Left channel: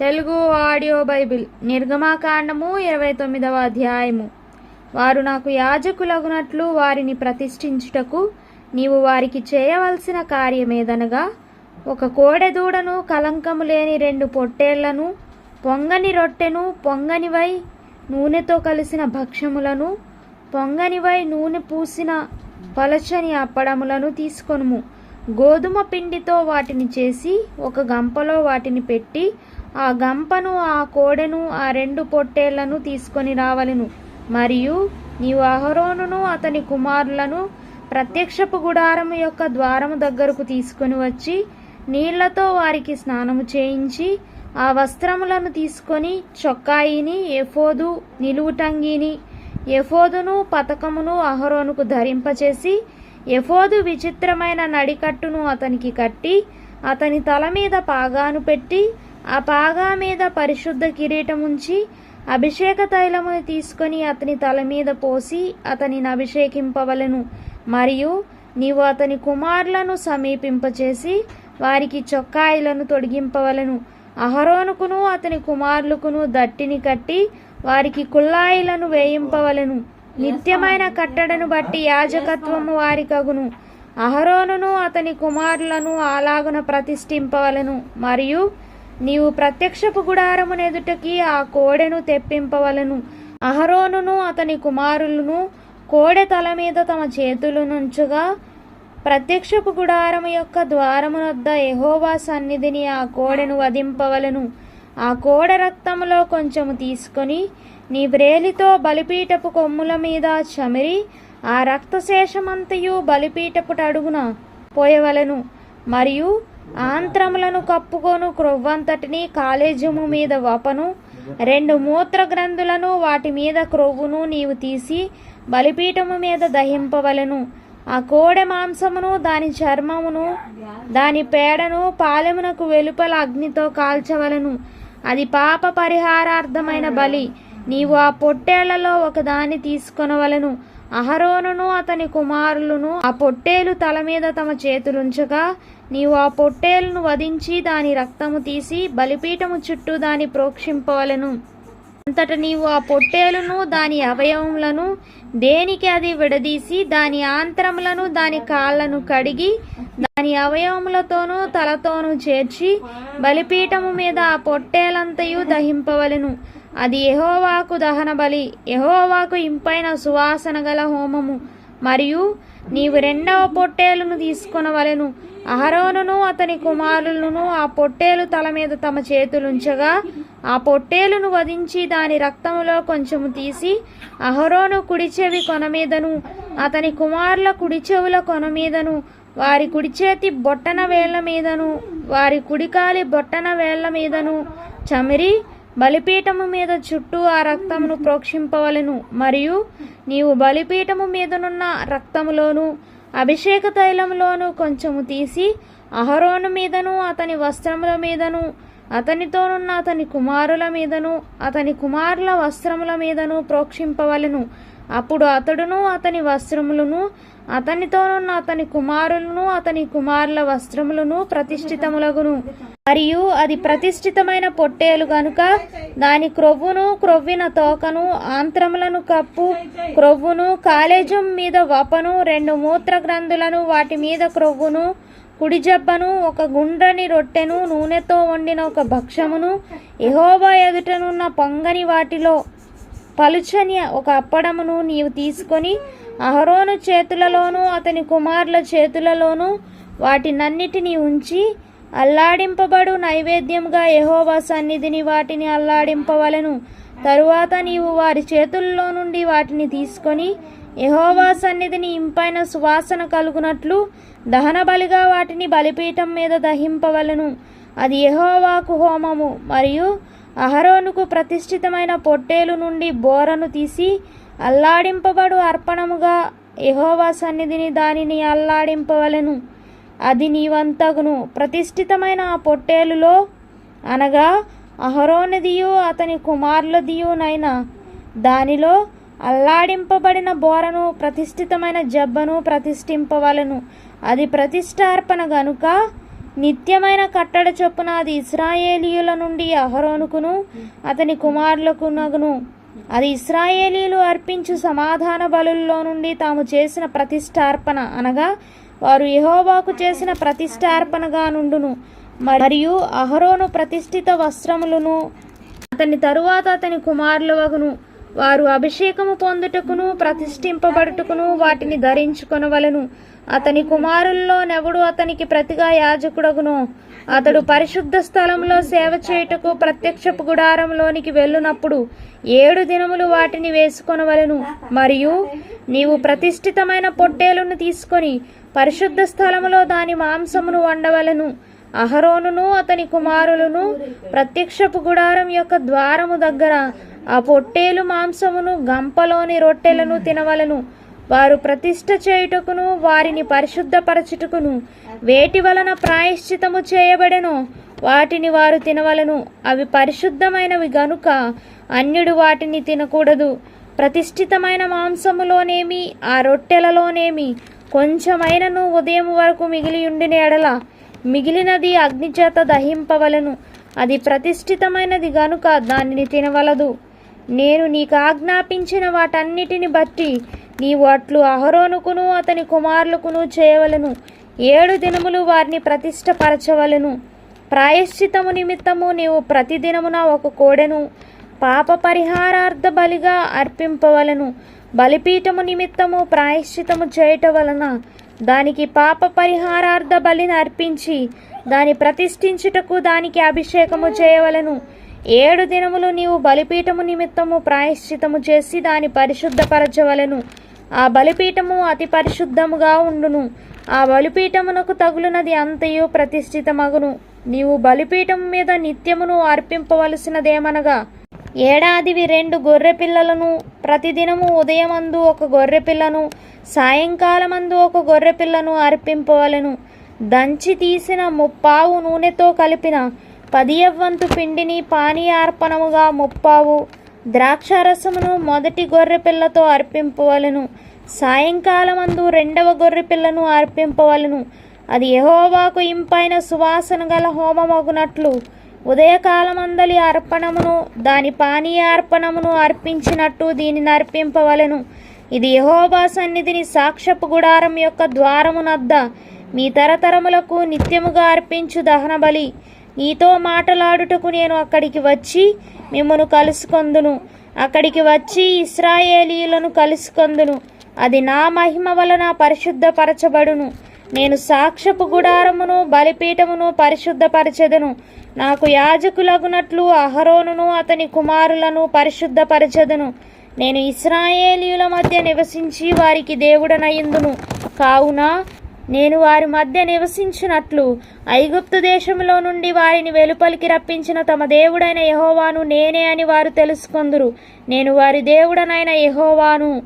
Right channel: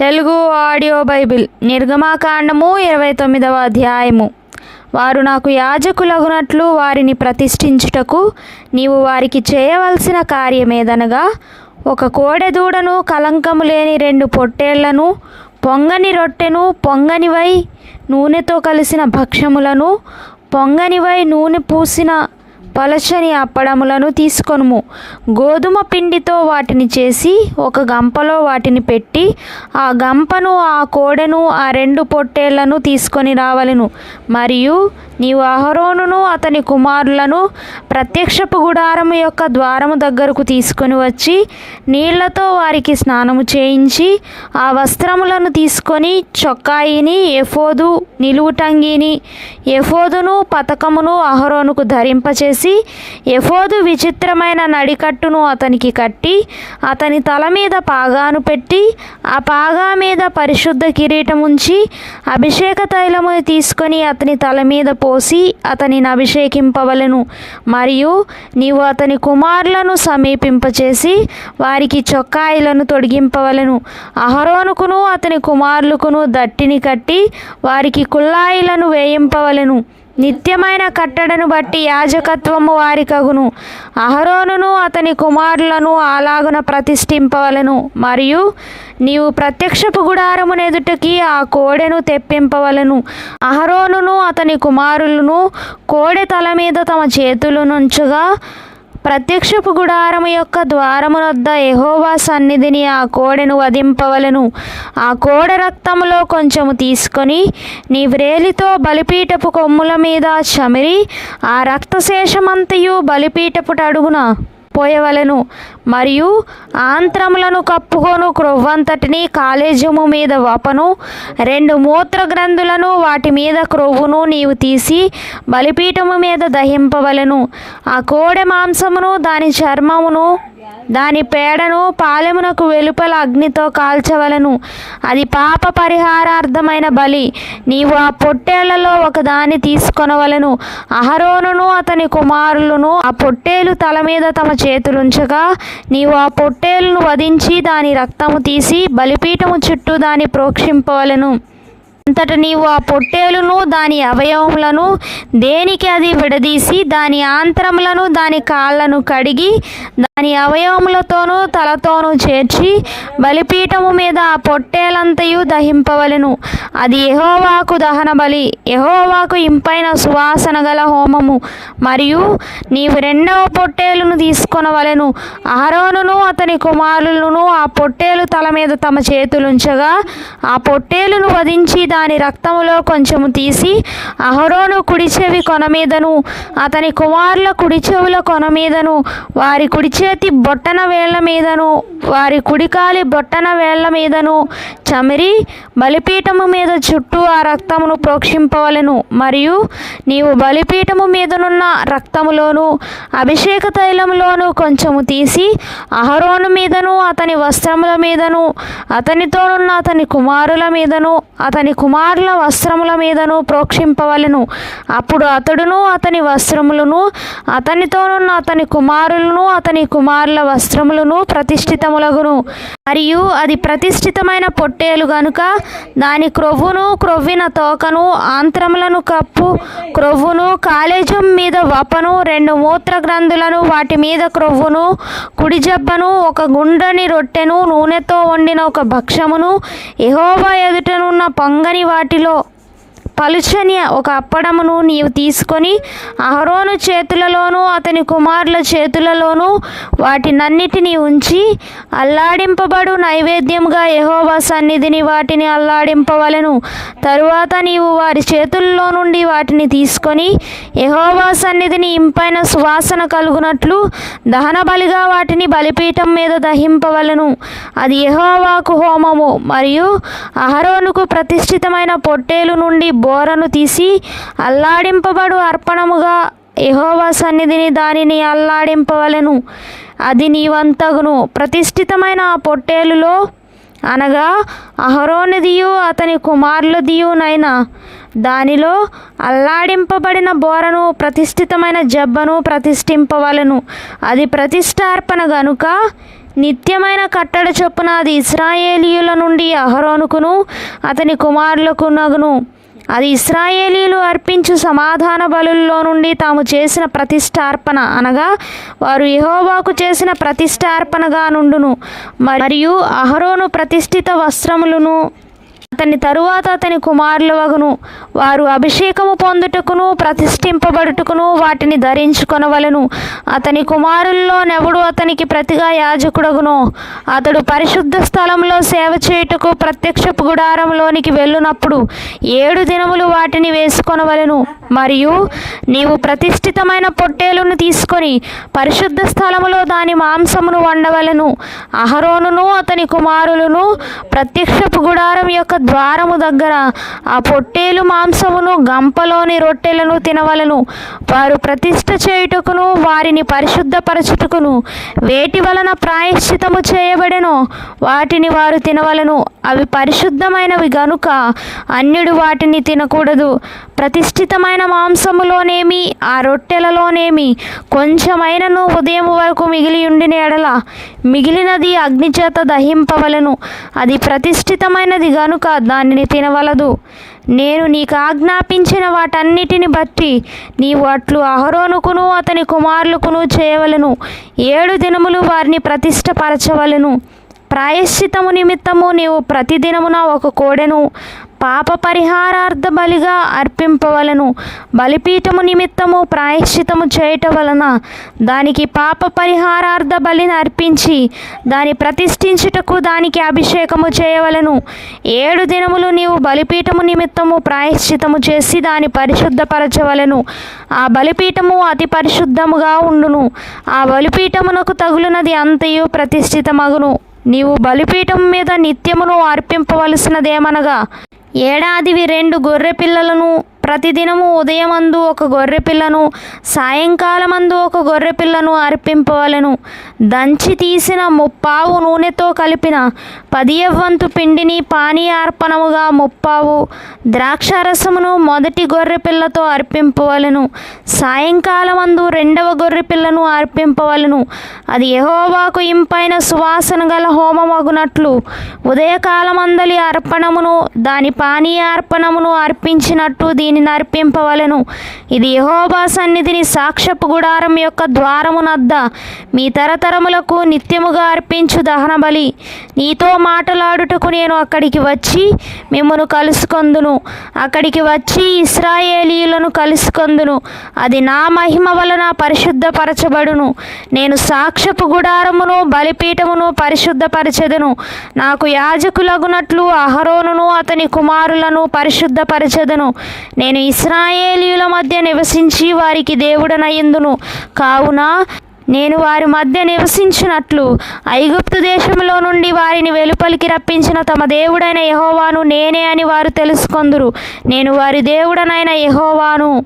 Telugu audio Bible నిర్గమాకాండము ఇరవై తొమ్మిదవ అధ్యాయము. వారు నాకు యాజకులగునట్లు వారిని ప్రతిష్ఠించుటకు నీవు వారికి చేయవలసిన కార్యమేదనగా ఒక కోడెదూడను కలంకము లేని రెండు పొట్టేళ్ళను పొంగని రొట్టెను పొంగనివై నూనెతో కలిసిన భక్ష్యములను పొంగనివై నూనె పూసిన పలచని అప్పడములను తీసుకొనుము. గోధుమ పిండితో వాటిని చేసి ఒక గంపలో వాటిని పెట్టి ఆ గంపను ఆ కోడెను ఆ రెండు పొట్టేళ్ళను తీసుకొని రావలను. మరియు నీవు అహరోనును అతని కుమారులను ప్రత్యక్షపు గుడారము యొక్క ద్వారము దగ్గరకు తీసుకొని వచ్చి నీళ్ళతో వారికి స్నానము చేయించి ఆ వస్త్రములను తీసుకొని చొక్కాయిని ఎఫోదు నిలువుటంగిని ఎఫోదును పతకమును అహరోనుకు ధరింపచేసి ఎఫోదు విచిత్రమైన నడికట్టును అతనికి కట్టి అతని తల మీద పాగాను పెట్టి ఆ పాగా మీద పరిశుద్ధ కిరీటం ఉంచి అభిషేక తైలము తీసుకొని అతని తల మీద పోసి అతనిని అభిషేకింపవలెను. మరియు నీవు అతని కుమారులను సమీపింపచేసి వారికి చొక్కాయిలను తొడిగింపవలెను. అహరోనుకును అతని కుమారులకును దట్టిని కట్టి వారికి కుల్లాయిలను వేయింపవలెను. నిత్యమైన కట్టడను బట్టి యాజకత్వము వారికగును. అహరోనును అతని కుమారులను అలాగున ప్రతిష్ఠింపవలను. మరియు నీవు ప్రత్యక్షపు గుడారమునెదుటికి ఆ కోడెను తెప్పింపవలను. అహరోనును అతని కుమారులను కోడె తల మీద తమ చేతులు నుంచుగా ప్రత్యక్షపు గుడారము యొక్క ద్వారము వద్ద ఎహోవా సన్నిధిని ఆ కోడెను వధింపవలను. ఆ కోడె రక్తములో కొంచెము తీసుకొని నీ వ్రేలితో బలిపీటపు కొమ్ముల మీద చమిరి ఆ రక్తశేషమంతయు బలిపీఠపు అడుగున పోయవలెను మరియు ఆంత్రములను కప్పుకొను క్రొవ్వంతటిని కాలేజము మీద వపను. రెండు మూత్ర గ్రంథులను వాటి మీద క్రొవ్వును నీవు తీసి బలిపీఠము మీద దహింపవలెను. ఆ కోడె మాంసమును దాని చర్మమును దాని పేడను పాలెమునకు వెలుపల అగ్నితో కాల్చవలను. అది పాప పరిహారార్థమైన బలి. నీవు ఆ పొట్టేళ్ళలో ఒకదాన్ని తీసుకొనవలను. అహరోనును అతని కుమారులను ఆ పొట్టేలు తల మీద తమ చేతులుంచగా నీవు ఆ పొట్టేలును వధించి దాని రక్తము తీసి బలిపీఠము చుట్టూ దాన్ని ప్రోక్షింపవలను. అంతట నీవు ఆ పొట్టేలును దాని అవయవములను దేనికి అది విడదీసి దాని ఆంత్రములను దాని కాళ్ళను కడిగి దాని అవయవములతోనూ తలతోనూ చేర్చి బలిపీఠము మీద ఆ పొట్టేలంతయు దహింపవలెను. అది యహోవాకు దహన బలి యహోవాకు ఇంపైన సువాసన గల హోమము. మరియు నీవు రెండవ పొట్టేలును కొనవలెను అహరోనును అతని కుమారులను ఆ పొట్టేలు తల మీద తమ చేతులుంచగా ఆ పొట్టేలును వధించి దాని రక్తములో కొంచెము తీసి అహరోను కుడి చెవి కొన మీదను అతని కుమారుల కుడిచెవుల కొన మీదను వారి కుడి చేతి బొట్టన వేళ్ళ మీదను వారి కుడికాలి బొట్టన వేళ్ళ మీదను చమిరి బలిపీఠము మీద చుట్టూ ఆ రక్తమును ప్రోక్షింపవలెను. మరియు నీవు బలిపీఠము మీదనున్న రక్తములోను అభిషేక తైలములోను కొంచెము తీసి అహరోను మీదను అతని వస్త్రముల మీదను అతనితోనున్న అతని కుమారుల మీదను అతని కుమారుల వస్త్రముల మీదను ప్రోక్షింపవలెను. అప్పుడు అతడును అతని వస్త్రములను అతనితోనున్న అతని కుమారులను అతని కుమారుల వస్త్రములను ప్రతిష్ఠితములగును. మరియు అది ప్రతిష్ఠితమైన పొట్టేలు గనుక దాని క్రొవ్వును క్రొవ్విన తోకను ఆంత్రములను కప్పు క్రొవ్వును కాలేజం మీద వపను రెండు మూత్ర గ్రంథులను వాటి మీద క్రొవ్వును కుడి జబ్బను ఒక గుండ్రని రొట్టెను నూనెతో వండిన ఒక భక్ష్యమును ఎహోవా ఎదుటనున్న పంగని వాటిలో పలుచని ఒక అప్పడమును నీవు తీసుకొని అహరోను చేతులలోనూ అతని కుమారుల చేతులలోనూ వాటినన్నిటినీ ఉంచి అల్లాడింపబడు నైవేద్యంగా యహోవా సన్నిధిని వాటిని అల్లాడింపవలెను. తరువాత నీవు వారి చేతుల్లో నుండి వాటిని తీసుకొని యహోవా సన్నిధిని ఇంపైన సువాసన కలుగునట్లు దహన బలిగా వాటిని బలిపీఠం మీద దహింపవలెను. అది యహోవాకు హోమము. మరియు అహరోనుకు ప్రతిష్ఠితమైన పొట్టేలు నుండి బోరను తీసి అల్లాడింపబడు అర్పణముగా యహోవా సన్నిధిని దానిని అల్లాడింపవలెను. అది నీవంతగును. ప్రతిష్ఠితమైన ఆ పొట్టేలులో అనగా అహరోనిదియు అతని కుమారులదియునైనా దానిలో అల్లాడింపబడిన బోరను ప్రతిష్ఠితమైన జబ్బను ప్రతిష్ఠింపవలను. అది ప్రతిష్టార్పణ గనుక నిత్యమైన కట్టడ చొప్పున అది ఇస్రాయేలీయుల నుండి అహరోనుకును అతని కుమారులకు నగును. అది ఇస్రాయేలీలు అర్పించు సమాధాన బలుల్లో నుండి తాము చేసిన ప్రతిష్టార్పణ అనగా వారు యెహోవాకు చేసిన ప్రతిష్టార్పణగా నుండును. మరియు అహరోను ప్రతిష్ఠిత వస్త్రములను అతని తరువాత అతని కుమారుల వగును వారు అభిషేకము పొందుటకును ప్రతిష్ఠింపబడుటకును వాటిని ధరించుకొనవలెను. అతని కుమారుల్లోనెవడు అతనికి ప్రతిగా యాజకుడగును. అతడు పరిశుద్ధ స్థలంలో సేవ చేయుటకు ప్రత్యక్షపు గుడారంలోనికి వెళ్ళునప్పుడు ఏడు దినములు వాటిని వేసుకొనవలెను. మరియు నీవు ప్రతిష్ఠితమైన పొట్టేలును తీసుకొని పరిశుద్ధ స్థలములో దాని మాంసమును వండవలెను. అహరోనును అతని కుమారులను ప్రత్యక్షపు గుడారం యొక్క ద్వారము దగ్గర ఆ పొట్టేలు మాంసం గంపలోని రొట్టెలను తినవలను. వారు ప్రతిష్ట చేయుటకును వారిని పరిశుద్ధపరచుటకును వేటి వలన ప్రాయశ్చితము చేయబడెనో? వాటిని వారు తినవలను. అవి పరిశుద్ధమైనవి గనుక అన్యుడు వాటిని తినకూడదు. ప్రతిష్ఠితమైన మాంసములోనేమి ఆ రొట్టెలలోనేమి కొంచెమైనను ఉదయం వరకు మిగిలి ఉండిన ఎడల మిగిలినది అగ్నిచేత దహింపవలను. అది ప్రతిష్ఠితమైనది గనుక దానిని తినవలదు. నేను నీకు ఆజ్ఞాపించిన వాటన్నిటిని బట్టి నీవు అట్లు అహరోనుకును అతని కుమారులకును చేయవలను. ఏడు దినములు వారిని ప్రతిష్టపరచవలను ప్రాయశ్చితము నిమిత్తము నీవు ప్రతిదినమున ఒక కోడెను. పాప పరిహారార్థ బలిగా అర్పింపవలను. బలిపీఠము నిమిత్తము ప్రాయశ్చితము చేయట వలన దానికి పాప పరిహారార్థ బలిని అర్పించి దాని ప్రతిష్ఠించుటకు దానికి అభిషేకము చేయవలను. ఏడు దినములు నీవు బలిపీఠము నిమిత్తము ప్రాయశ్చితము చేసి దాని పరిశుద్ధపరచవలను. ఆ బలిపీఠము అతి పరిశుద్ధముగా ఉండును. ఆ బలిపీఠమునకు తగులునది అంతయు ప్రతిష్ఠితమగును. నీవు బలిపీఠం మీద నిత్యమును అర్పింపవలసినదేమనగా ఏడాదివి రెండు గొర్రె పిల్లలను ప్రతిదినము ఉదయమందు ఒక గొర్రె పిల్లను సాయంకాలమందు ఒక గొర్రె పిల్లను అర్పింపవలను. దంచి తీసిన ముప్పావు నూనెతో కలిపిన పదియవంతు పిండిని పానీయార్పణముగా ముప్పావు ద్రాక్షారసమును మొదటి గొర్రె పిల్లతో అర్పింపవలను. సాయంకాలమందు రెండవ గొర్రె పిల్లను అర్పింపవలను. అది యెహోవాకు ఇంపైన సువాసన గల హోమమగునట్లు ఉదయకాలమందలి అర్పణమును దాని పానీయార్పణమును అర్పించినట్టు దీనిని అర్పింపవలెను. ఇది యెహోవా సన్నిధిని సాక్ష్యపు గుడారం యొక్క ద్వారమునద్ద. మీ తరత తరములకు నిత్యముగా అర్పించు దహన బలి. నీతో మాట్లాడుటకు నేను అక్కడికి వచ్చి మిమ్మను కలుసుకొందును. అక్కడికి వచ్చి ఇస్రాయేలీలను కలుసుకొందును. అది నా మహిమ వలన పరిశుద్ధపరచబడును. నేను సాక్ష్యపు గుడారమును బలిపీఠమును పరిశుద్ధపరచెదను. నాకు యాజకులగునట్లు అహరోనును అతని కుమారులను పరిశుద్ధపరచెదను. నేను ఇస్రాయేలీల మధ్య నివసించి వారికి దేవుడనయ్యందును కావున నేను వారి మధ్య నివసించినట్లు ఐగుప్తు దేశంలో నుండి వారిని వెలుపలికి రప్పించిన తమ దేవుడైన యహోవాను నేనే అని వారు తెలుసుకొందురు. నేను వారి దేవుడనైన యహోవాను.